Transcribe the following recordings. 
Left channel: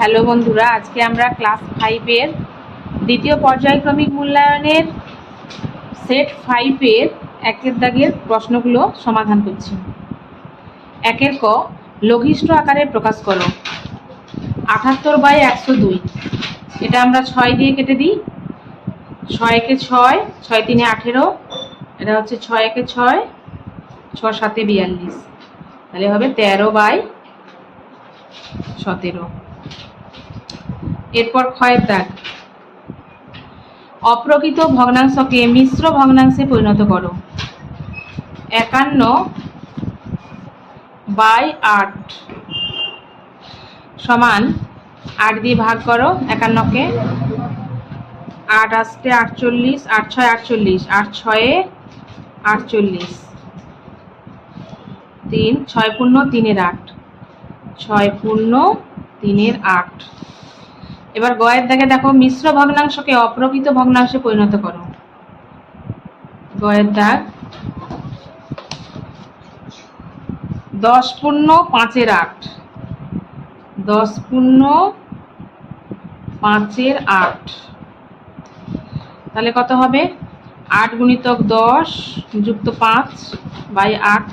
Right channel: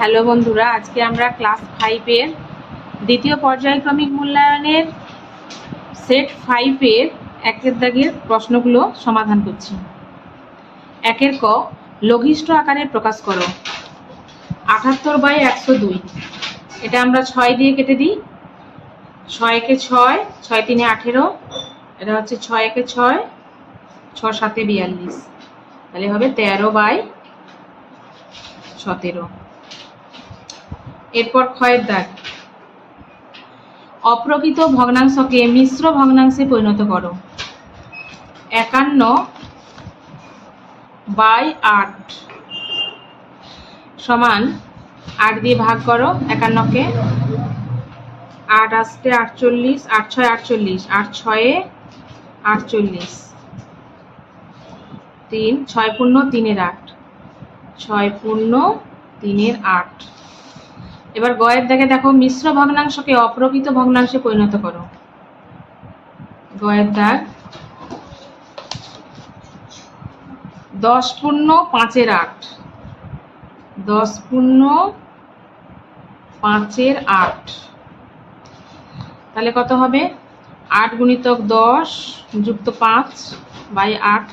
Hello বন্ধুরা, আজকে আমরা ক্লাস 5-এর দ্বিতীয় পর্যায়ক্রমিক মূল্যায়নের সেট 5-এর একের দাগের প্রশ্নগুলো সমাধান করছি। একের ক, লঘিষ্ঠ আকারে প্রকাশ করো। 78/102, এটা আমরা 6 দিয়ে কেটে দিই। 6 একে 6, 6 3 18, এটা হচ্ছে 6 একে 6, 6 7 42, তাহলে হবে 13/17। এরপর ক্ষয়ের দাগ, অপ্রকৃত ভগ্নাংশকে মিশ্র ভগ্নাংশে পরিণত করো। 51/8 সমান 8 দিয়ে ভাগ করো 51কে। 8 আসতে 48, 8 6 48, 8 6 48, 3 6 পূর্ণ 3 8, 6 পূর্ণ 3 8। এবার গয়ের দাগে দেখো, মিশ্র ভগ্নাংশকে অপ্রকৃত ভগ্নাংশে পরিণত করো। গয়ের দাগ, 10 পূর্ণ 5 8, 10 পূর্ণ 5 8, তাহলে কত হবে? 8 গুণিতক 10 যুক্ত 5/8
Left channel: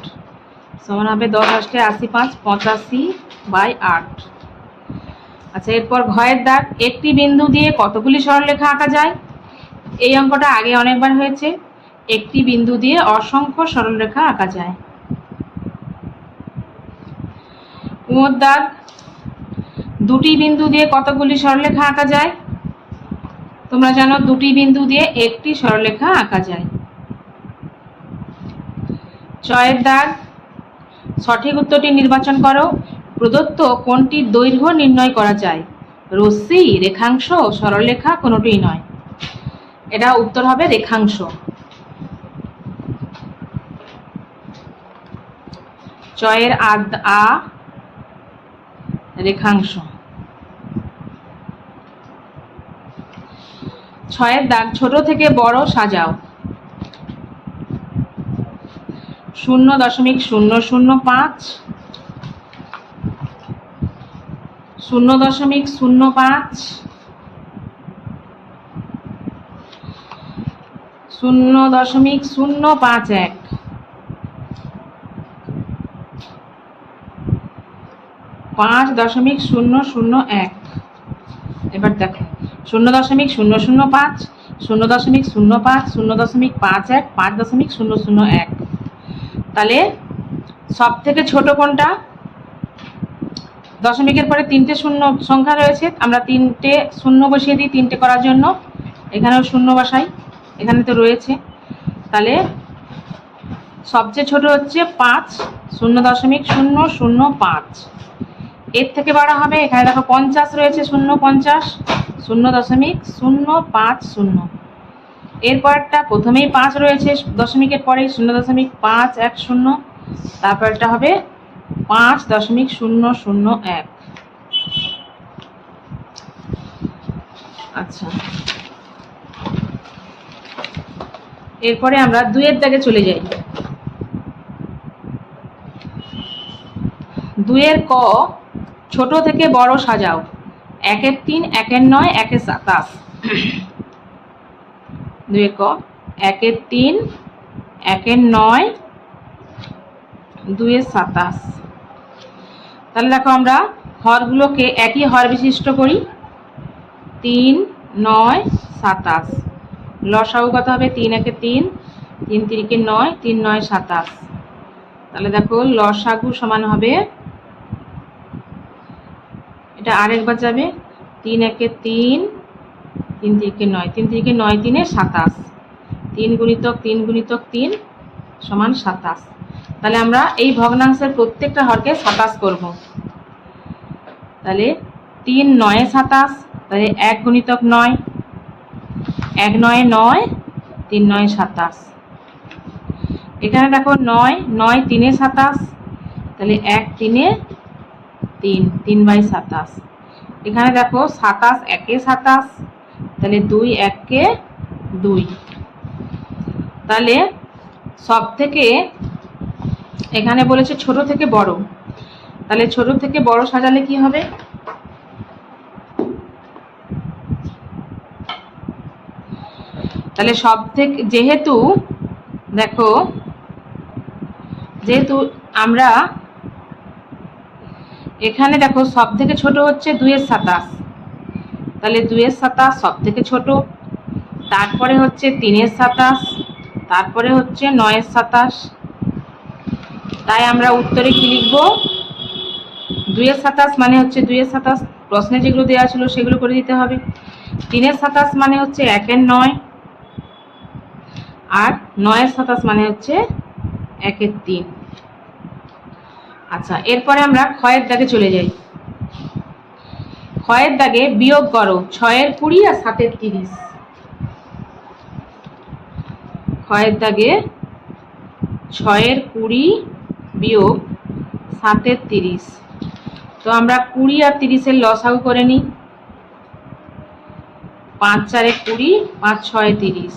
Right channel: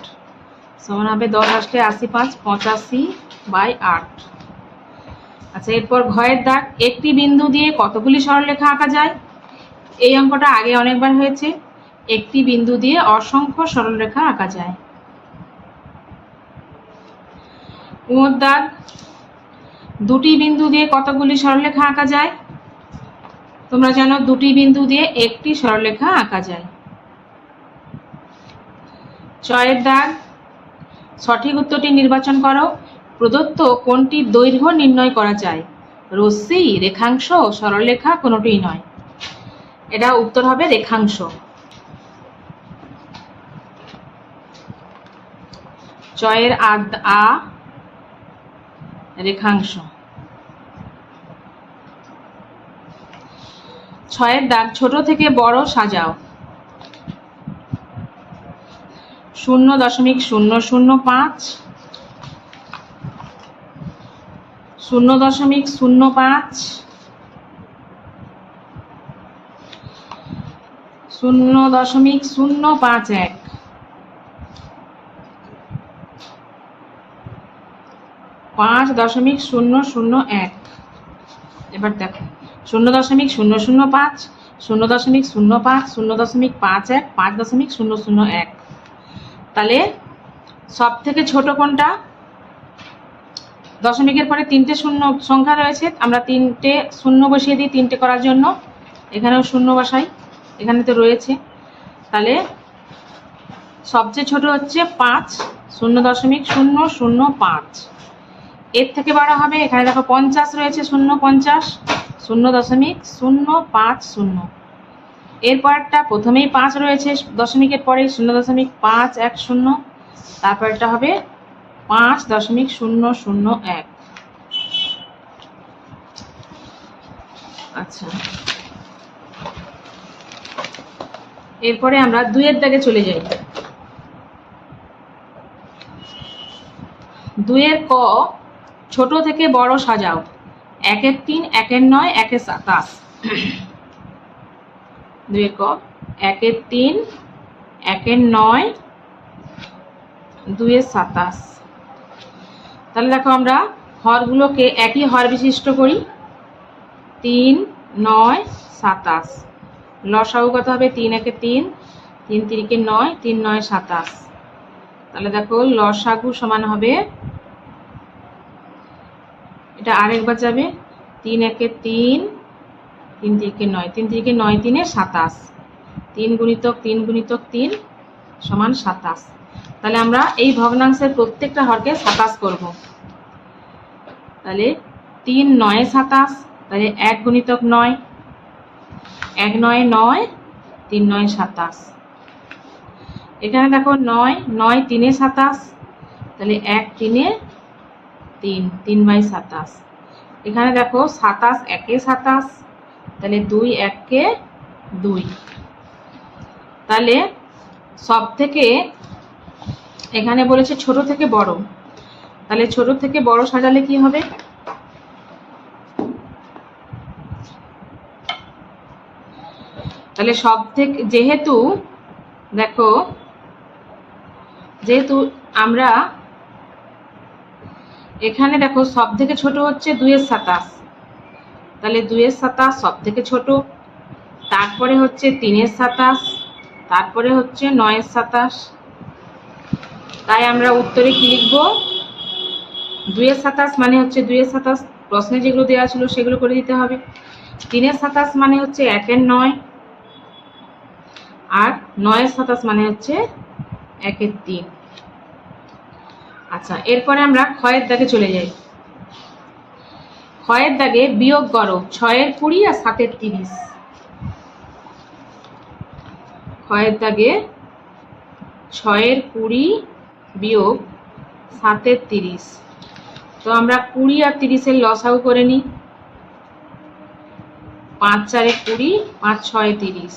সমান হবে 10 আসলে 85, 85/8। আচ্ছা, এরপর ঘয়ের দাগ, একটি বিন্দু দিয়ে কতগুলি সরলরেখা আঁকা যায়? এই অঙ্কটা আগে অনেকবার হয়েছে। একটি বিন্দু দিয়ে অসংখ্য সরলরেখা আঁকা যায়। কুমোর দাগ, দুটি বিন্দু দিয়ে কতগুলি সরলরেখা আঁকা যায়? তোমরা জানো দুটি বিন্দু দিয়ে একটি সরলরেখা আঁকা যায়। ছয়ের দাগ, সঠিক উত্তরটি নির্বাচন করো। প্রদত্ত কোনটির দৈর্ঘ্য নির্ণয় করা যায়? রশ্মি, রেখাংশ, সরলরেখা কোনোটিই নয়। এটা উত্তর হবে রেখাংশ। ছয়ের আ, রেখাংশ। ছয়ের দাগ, ছোট থেকে বড় সাজাও। 0.005, 0.05, 0.051, 5.001। এবার দেখো 0.005, 0.05, 0.51, 5.001। তাহলে সব থেকে ছোট কোনটা? দশমিকের পরে 3টে শূন্য সংখ্যা রয়েছে, আমরা 3টে শূন্য বসিয়ে দিই 3টে করার জন্য। এখানেও শূন্য বসাই, এখানে তো রয়েছে। তাহলে সবচেয়ে ছোট হচ্ছে 5, 0.005। এর থেকে বড় হবে, এখানে দেখো 50 রয়েছে, 0.50, 0.050। এরপরটা প্রথমেই 5 রয়েছে, দশমিকের পরে 0.510, তারপরটা হবে 5.001। আচ্ছা, এরপরে আমরা 2-এর দাগে চলে যাই। 2-এর ক, ছোট থেকে বড় সাজাও। 1-এর 3, 1-এর 9, 1-এর 27। 2-এর ক, 1-এর 3, 1-এর 9, 2-এর 27। তাহলে দেখো আমরা হরগুলোকে একই হর বিশিষ্ট করি। 3 9 27, লসাগু কত হবে? 3 1 3, 3 3 9, 3 9 27। তাহলে দেখো লসাগু সমান হবে, এটা আরেকবার যাবে, 3 1 3, 3 3 9, 3 3 9, 3 27, 3 গুণিতক 3 গুণিতক 3 সমান 27। তাহলে আমরা এই ভগ্নাংশের প্রত্যেকটা হরকে 27 করব। তাহলে 3 9 27, তাহলে 1 গুণিতক 9, 1 9 9, 3 9 27। এখানে দেখো 9 9 3 27, তাহলে 1 3 3, 3/27। এখানে দেখো 27 1 27, তাহলে 2 1 2। তাহলে সব থেকে এখানে বলেছে ছোট থেকে বড়, তাহলে ছোট থেকে বড় সাজালে কি হবে? তাহলে সব থেকে যেহেতু দেখো, যেহেতু আমরা এখানে দেখো সব থেকে ছোট হচ্ছে 2-27, তাহলে 2-27 সব থেকে ছোট, তারপরে হচ্ছে 3-27, তারপরে হচ্ছে 9-27। তাই আমরা উত্তরে কি লিখবো? 2-27 মানে হচ্ছে 2-27, প্রশ্নে যেগুলো দেওয়া ছিল সেগুলো করে দিতে হবে। 3-27 মানে হচ্ছে 1-9, আর 9-27 মানে হচ্ছে 1-3। আচ্ছা, এরপরে আমরা ক্ষয়ের দাগে চলে যাই। ক্ষয়ের দাগে বিয়োগ করো 6-20 আর 7-30। ক্ষয়ের দাগে 6-20 বিয়োগ 7-30। তো আমরা 20 আর 30-এর লসাগু করে নিই। 5-4-20, 5-6-30,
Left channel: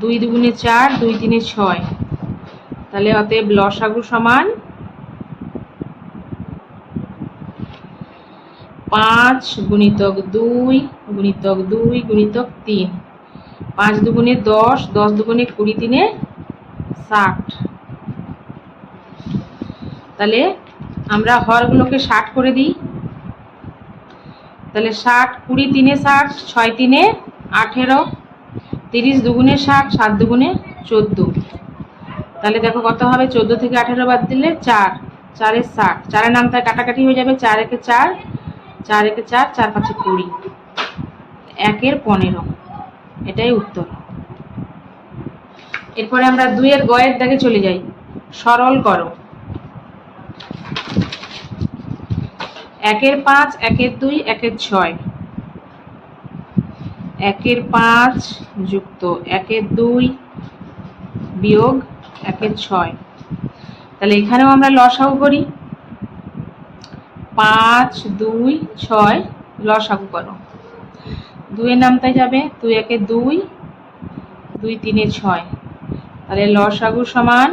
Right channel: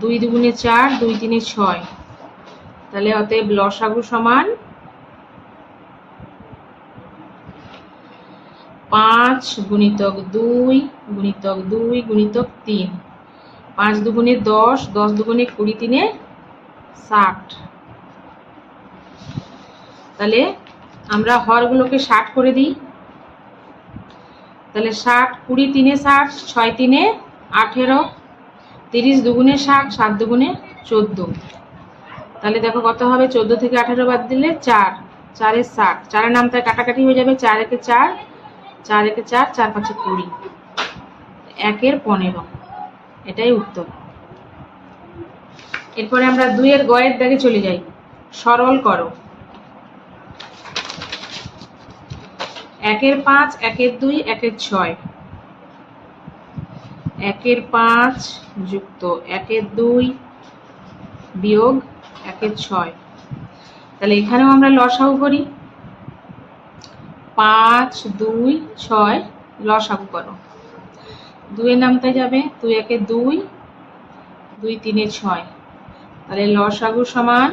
2-2-4, 2-3-6। তাহলে অতএব লসাগু সমান 5 গুণিতক 2 গুণিতক 2 গুণিতক 3। 5-2-10, 10-2-20, 3-60। তাহলে আমরা হরগুলোকে 60 করে দিই। তাহলে 60, 20-3-60, 6-3-18, 30-2-60, 7-2-14। তাহলে দেখো কত হবে, 14 থেকে 18 বাদ দিলে 4, 4-60, 4-এর নামটায় কাটাকাটি হয়ে যাবে, 4-1-4, 4-1-4, 4-5-20, 1-15। এটাই উত্তর। এরপরে আমরা 2-এর গয়ের দাগে চলে যাই। সরল করো। 1-5, 1-2, 1-6, 1-5 যুক্ত 1-2 বিয়োগ 1-6। তাহলে এখানেও আমরা লসাগু করি। 5-2-6 লসাগু করো। 2-এর নামটায় যাবে, 2-1-2, 2-3-6। তাহলে লসাগু সমান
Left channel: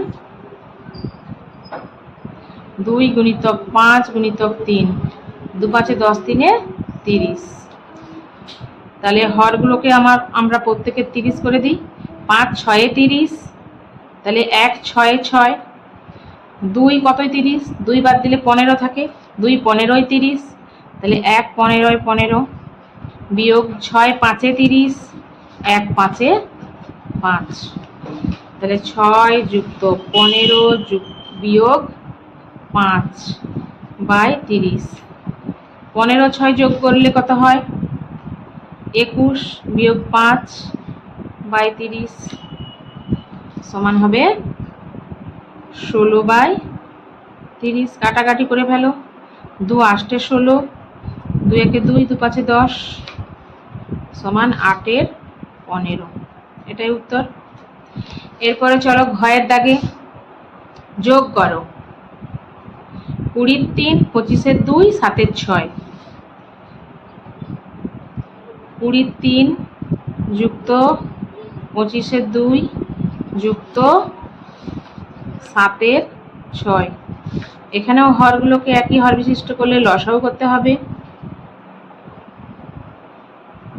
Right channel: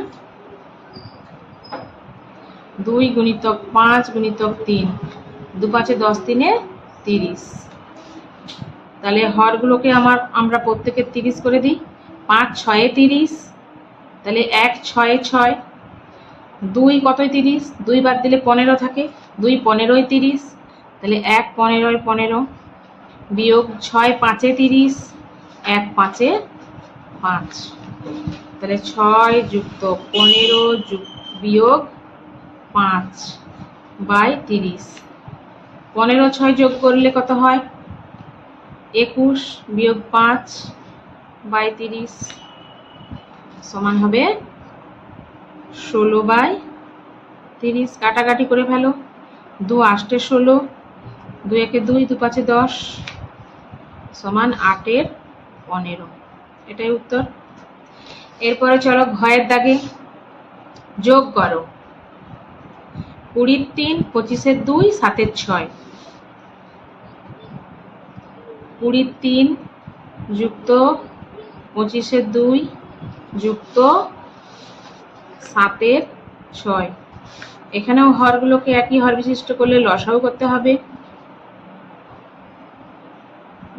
2 গুণিতক 5 গুণিতক 3, 2-5-10, 3-30। তাহলে হরগুলোকে আমরা প্রত্যেকে 30 করে দিই। 5-6-30, তাহলে 1-6-6, 2 কতই 30, 2 বাদ দিলে 15 থাকে, 2-15-30, তাহলে 1-15-15 বিয়োগ 6-5-30, 1-5-5। তাহলে 6 যুক্ত 15 বিয়োগ 5/30। 15-6 যোগ করলে কত হয়? 21 বিয়োগ 5/30 সমান হবে 16/30। কাটাকাটি করে ফেলো। 2-8-16, 2-1-2, 2-5-10 সমান 8-15। এটাই উত্তর। এরপরে চলো ঘয়ের দাগে যোগ করো। 20-3, 25-2, 7-6, 20-3 যুক্ত 25-2 যুক্ত 7-6। এখানেও হরগুলোকে একই হর বিশিষ্ট করলে লসাগু করতে হবে।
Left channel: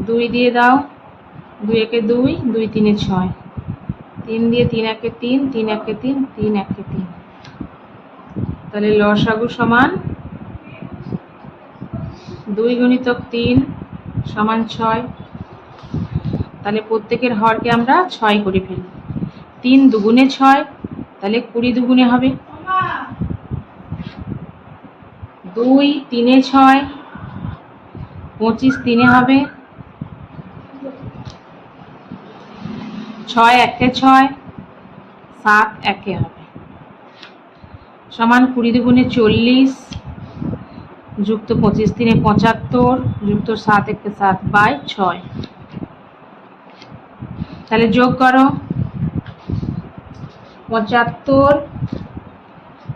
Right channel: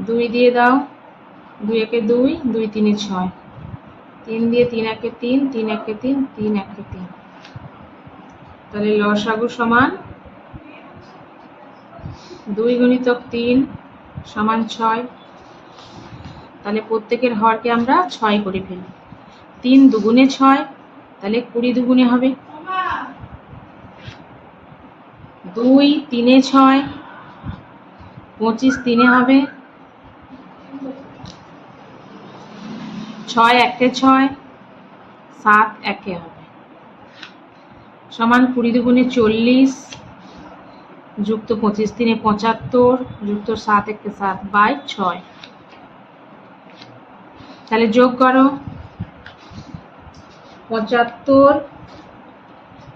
2 দিয়ে দাও, 2-1-2, 2-3-6, 3 দিয়ে 3-1-3, 3-1-3, 3-1-3। তাহলে লসাগু সমান 2 গুণিতক 3 সমান 6। তাহলে প্রত্যেকের হরকে আমরা 6 করে ফেলি। 3-2-6, তাহলে 20-2 হবে। 2-3-6, 25-3 হবে। 6-1-6, 7-1 হবে সমান 20-2-40 যুক্ত 25-3-75 যুক্ত 7-1-7/6। তাহলে যোগ করো। 75,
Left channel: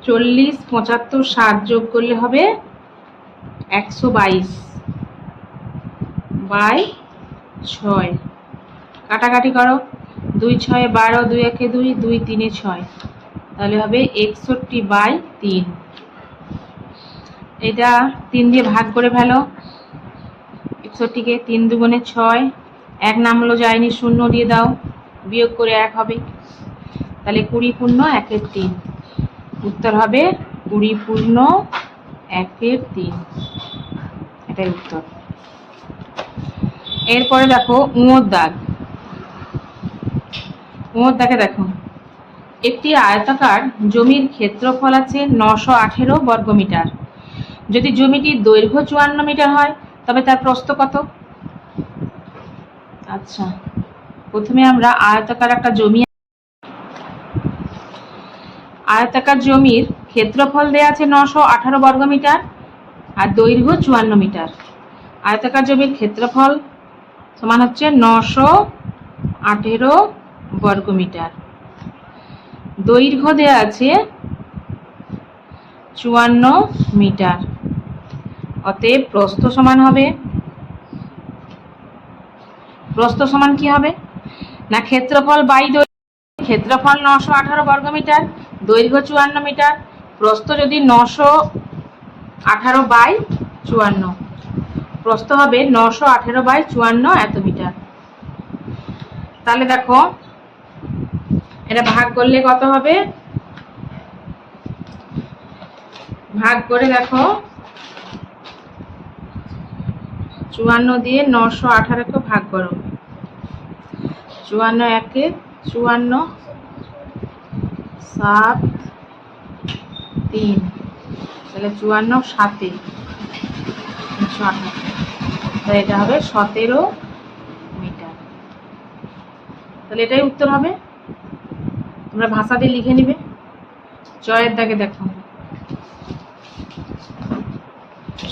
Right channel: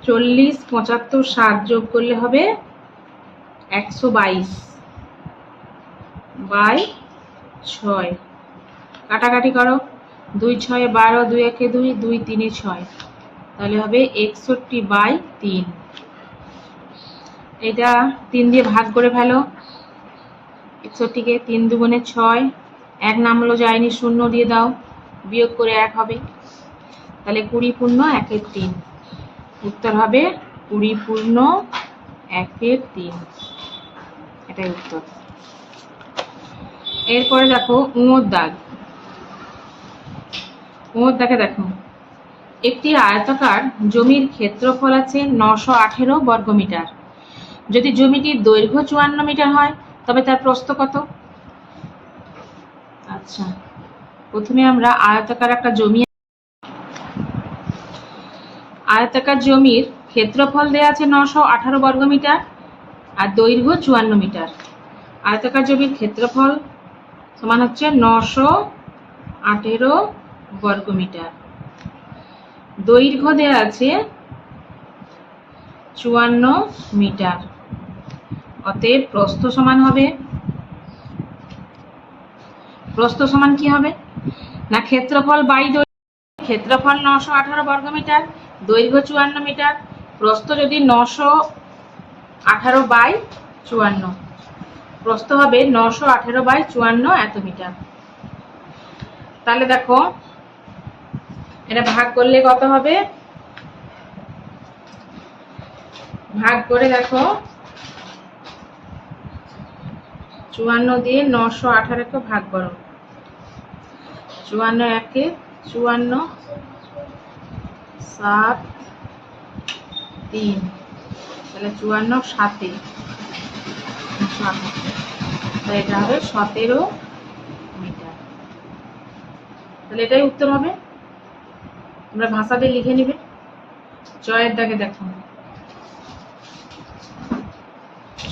40, 75, 60 যোগ করলে হবে 122/6। কাটাকাটি করো। 2-6-12, 2-1-2, 2-3-6, তাহলে হবে 61/3। এটা 3 দিয়ে ভাগ করে ফেলো। 61কে 3-2-6, এক নামলো যায়নি, শূন্য দিয়ে দাও, বিয়োগ করে 1 হবে। তাহলে 20 পূর্ণ 1/3, উত্তর হবে 20 পূর্ণ 1/3, এটাই উত্তর। এরপরে দেখো ঙর দাগ। ঙর দাগে দেখো একটি আয়তাকার জমির ক্ষেত্রফল আছে 918 বর্গমিটার। যদি জমিটির দৈর্ঘ্য 54 মিটার হয় তবে তার প্রস্থ কত? আচ্ছা, প্রথমে আমরা আয়তাকার জমির ক্ষেত্রফল দেয়া আছে 918 বর্গমিটার আর দৈর্ঘ্য 54 মিটার। আয়তাকার জমির ক্ষেত্রফল সমান হচ্ছে 918 বর্গমিটার, দৈর্ঘ্য দেয়া আছে 54 মিটার। অতএব প্রস্থ সমান হবে, প্রস্থ সমান কি হবে না, ক্ষেত্রফল বাই দৈর্ঘ্য। ক্ষেত্রফল 918 বর্গমিটার, দৈর্ঘ্য 54 মিটার, প্রস্থ যদি 918 বাই 54, প্রস্থ হবে 918 বাই 54 এত মিটার। তাহলে দেখো এটা ভাগ করলে কত হবে, ভাগ করে দেখো 54 দিয়ে 918 কে ভাগ করো, 54 একে 54, 7 3, তাহলে 54 7 তাহলে এটা হবে 17 মিটার। তাহলে এটাই উত্তর হবে। তোমরা ভাষা দিয়ে লিখে নিবে। জয়ের দাগে দেখো,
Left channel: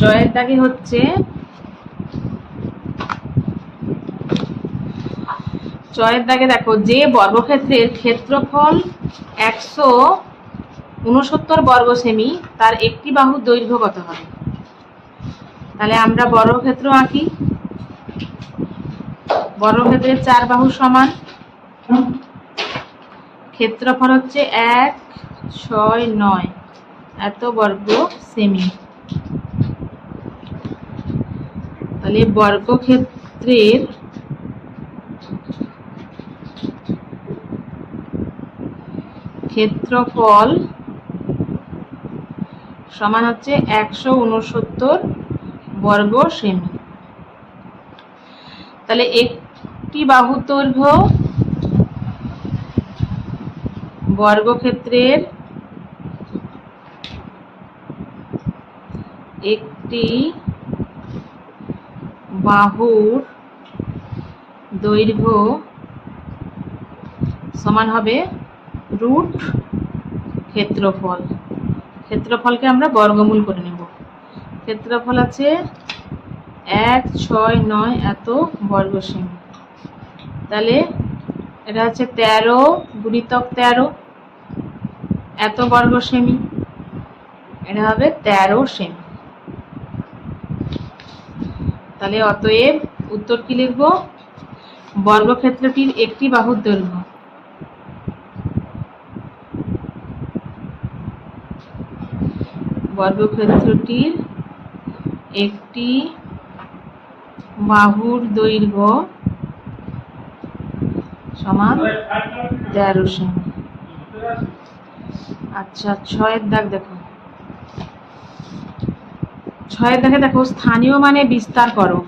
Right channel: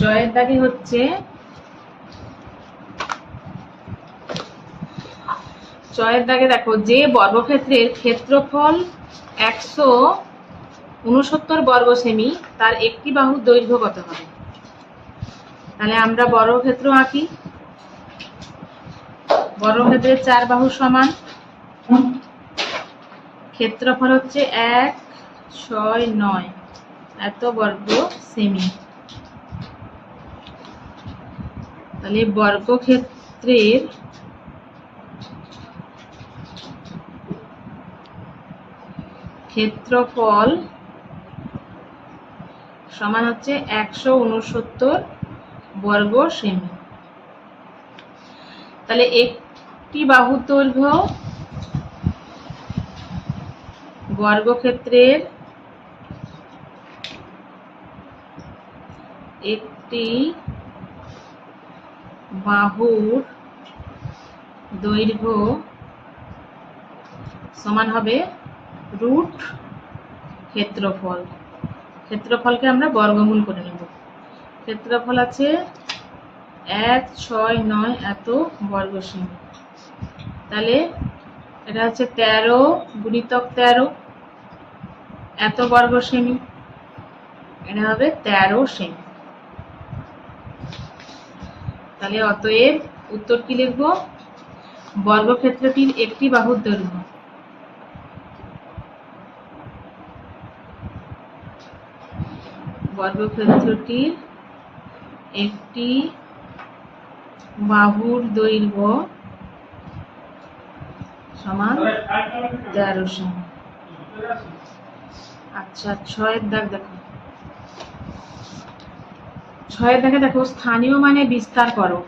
জয়ের দাগে হচ্ছে জয়ের দাগে দেখো যে বর্গক্ষেত্রের ক্ষেত্রফল 169 বর্গ সেমি তার একটি বাহুর দৈর্ঘ্য কত হবে? তাহলে আমরা বর্গক্ষেত্র আঁকি। বর্গক্ষেত্রের 4 বাহু সমান, ক্ষেত্রফল হচ্ছে 169 এত বর্গ সেমি। তাহলে বর্গক্ষেত্রের ক্ষেত্রফল সমান হচ্ছে 169 বর্গ সেমি। তাহলে একটি বাহুর দৈর্ঘ্য বর্গক্ষেত্রের একটি বাহুর দৈর্ঘ্য সমান হবে রুট ক্ষেত্রফল। ক্ষেত্রফলকে আমরা বর্গমূল করে নেব। ক্ষেত্রফল আছে 169 এত বর্গ সেমি। তাহলে এটা হচ্ছে 13 গুণিতক 13 এত বর্গ সেমি, এটা হবে 13 সেমি। তাহলে অতএব উত্তর কি লিখব, বর্গক্ষেত্রটির একটি বাহুর দৈর্ঘ্য বর্গক্ষেত্রটির একটি বাহুর দৈর্ঘ্য সমান 13 সেমি। আচ্ছা, 6 দাগ দেখো। 6 দাগে দেখো স্থানীয় মানে বিস্তার করো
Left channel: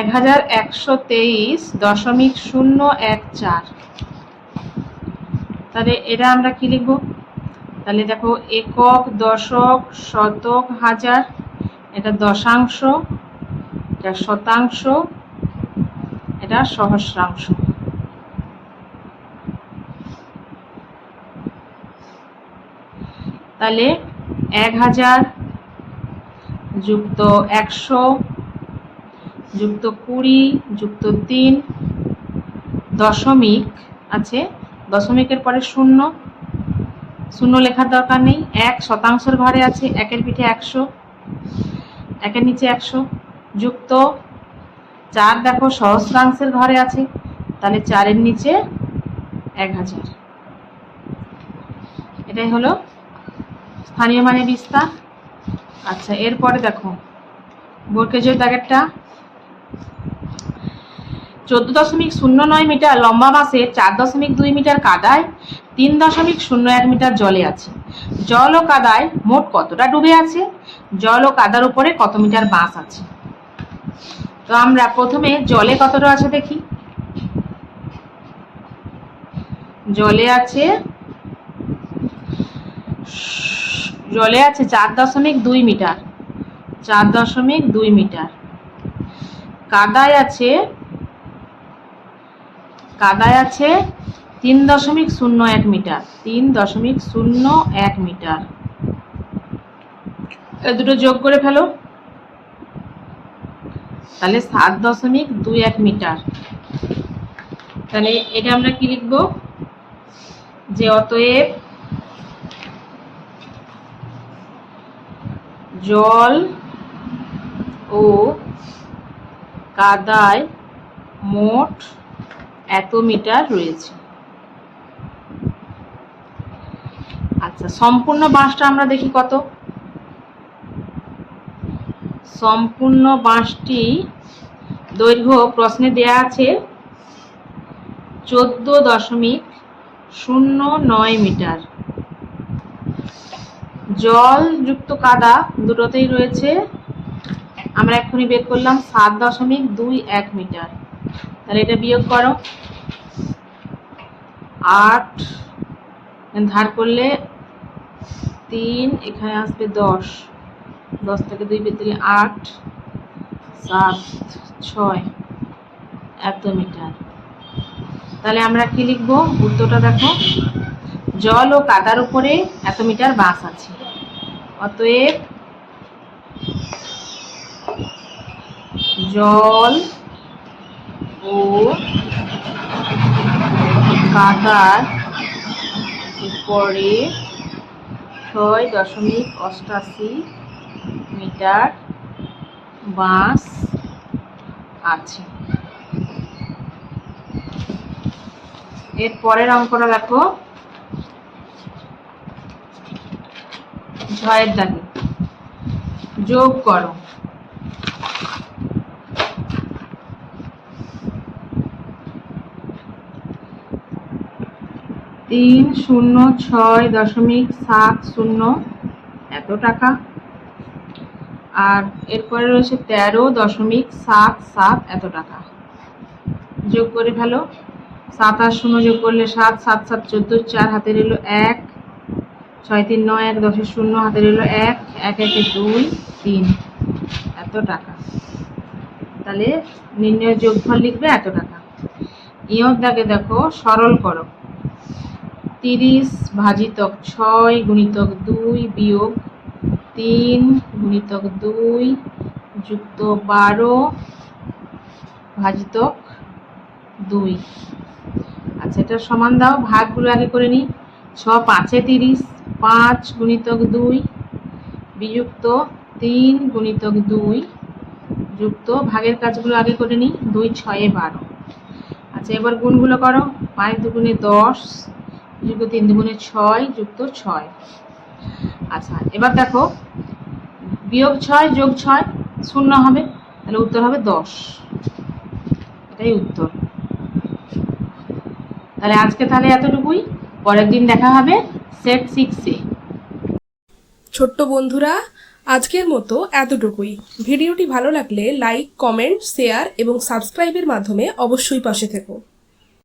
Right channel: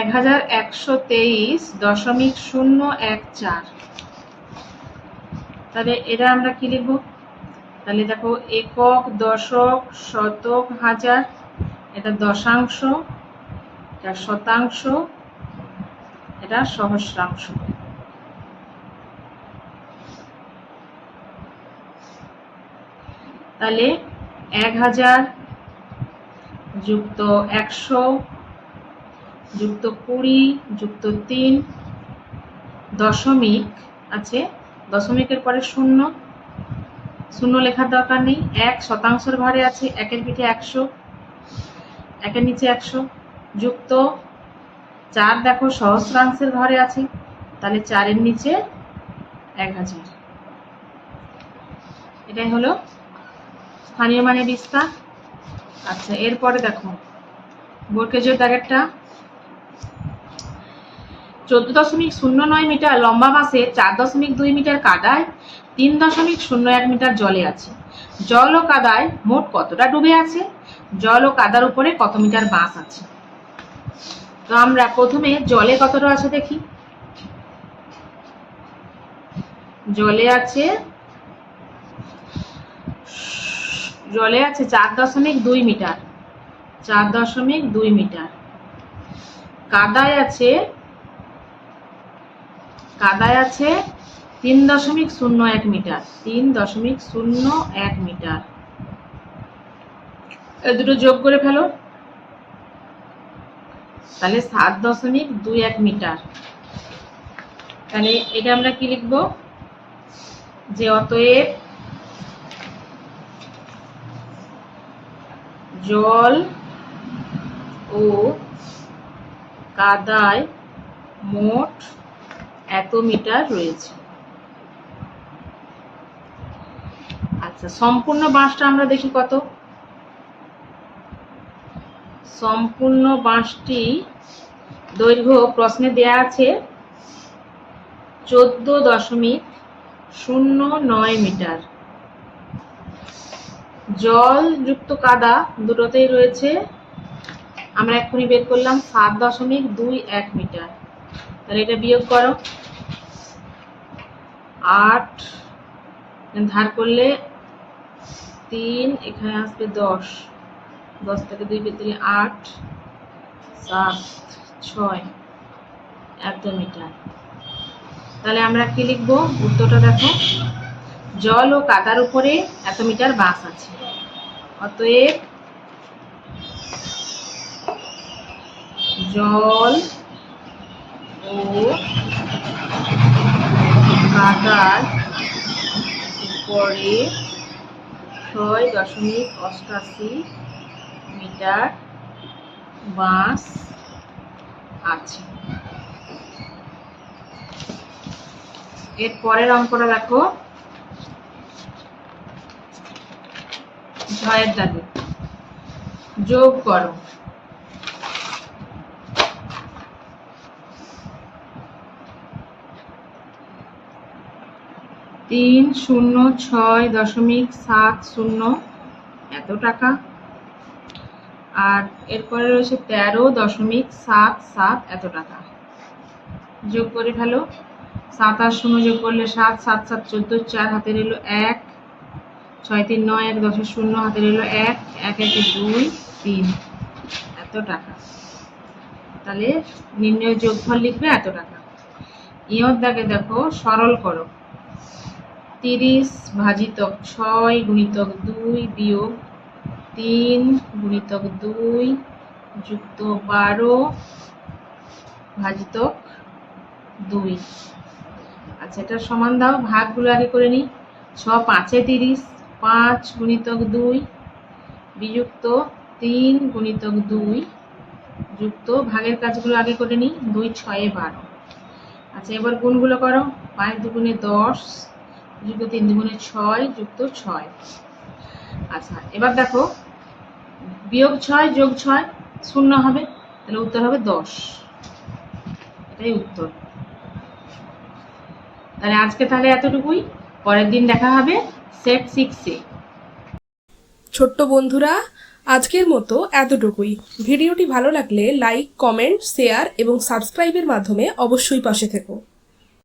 1123.014। তাহলে এটা আমরা কি লিখবো? তাহলে দেখো একক, দশক, শতক, হাজার, এটা দশাংশ, এটা শতাংশ, এটা সহস্রাংশ। তাহলে 1000 যুক্ত 100 যুক্ত 20 যুক্ত 3, দশমিক আছে, দশমিকের পরে শূন্য, শূন্য লেখার দরকার নেই। 1 শতাংশের ঘরে আছে, 1-এর পিঠে 100, 1-এর নিচে 100, যুক্ত 4 দেখো সহস্রাংশের ঘরে আছে, তাহলে 4-এর নিচে 1000। এটাই হলো স্থানীয় মানে বিস্তার। আচ্ছা, এরপরে দেখো বর্গক্ষেত্রের দাগেরটা 14.09 মিটার লম্বা বাসে 4.2 মিটার কাদায় 3.01 মিটার জলে আছে। জল ও কাদায় মোট কতটা ডুবে আছে? জল ও কাদার উপরে কত মিটার বাস আছে? তো আমরা প্রথমে জলে কতটা আছে দেখি। জলে আছে 4.2 মিটার, 4.2 মিটার। কাদায় আছে 3.01 মিটার, 3.01 মিটার। এই দুটো যোগ করে ফেলো, তাহলে 7.21 মিটার। তাহলে এটা আমরা কি লিখবো, যে অতএব জল ও কাদায় মোট এত মিটার রয়েছে। আচ্ছা, সম্পূর্ণ বাঁশটা আমরা দেখি কত। সম্পূর্ণ বাঁশটি দৈর্ঘ্য প্রশ্নে দেয়া আছে 14.09 মিটার। জল যুক্ত কাদা দুটোতেই রয়েছে, আমরা এক্ষুনি বের করলাম 7.21 মিটার। তাহলে এটা বিয়োগ করো, 8 ধার করলে 3, এখানে আসবে 10, 10 থেকে 2 কেটে দিলে 8, 7, 6 এত মিটার। তাহলে আমরা কি লিখবো, উত্তরটা দেখো, জল ও কাদার উপরে এত মিটার বাস আছে। অতএব জল ও কাদার উপরে 6.88 মিটার বাস আছে। এর পরের অঙ্কটা দেখো, 6 দাগে যোগ করো। $306.70 এত টাকা। আর এরপরে রয়েছে 13.77 এত টাকা। যোগ করে ফেলো, 7 আর 0 যোগ করলে 7, 7, 7, 14, 4 হাতে রইল 1, 6, 3, 9, 1, 10, 0 হাতে রইল 1, 1, 1, 2, 3 এত টাকা। তাহলে নির্ণয় যোগফল লিখবে এত টাকা। ইয়র দাগে দেখো সরল করো, 30 ভাজিতক 6 গুণিতক 2 বিয়োগ 3 গুণিতক 2 যুক্ত 12 ভাজিতক 2। আচ্ছা, এটা সমান দাও, ভাগগুলো আগে করে নিই। 6 5 30, 5 গুণিতক 2 বিযুক্ত 3 গুণিতক 2 যুক্ত ভাগের কাজগুলো আগে করে নিই, 2 6 12। আচ্ছা, এবার গুণগুলো করো, 5 দুগুণে 10 যুক্ত 3 দুগুণে 6 যুক্ত 6। আচ্ছা, এবার দেখো বিয়োগ 6 যোগ 6 0 হবে, তাহলে উত্তর হবে 10। এটাই উত্তর। তাহলে আজকে তাহলে এতটুকুই, পরের দিন দেখা হবে সেট 6-এ। ছোট্ট বন্ধুরা, আজকের মতো এতটুকুই। ভিডিওটি ভালো লাগলে লাইক, কমেন্ট, শেয়ার এবং সাবস্ক্রাইবের মাধ্যমে অবশ্যই পাশে থেকো।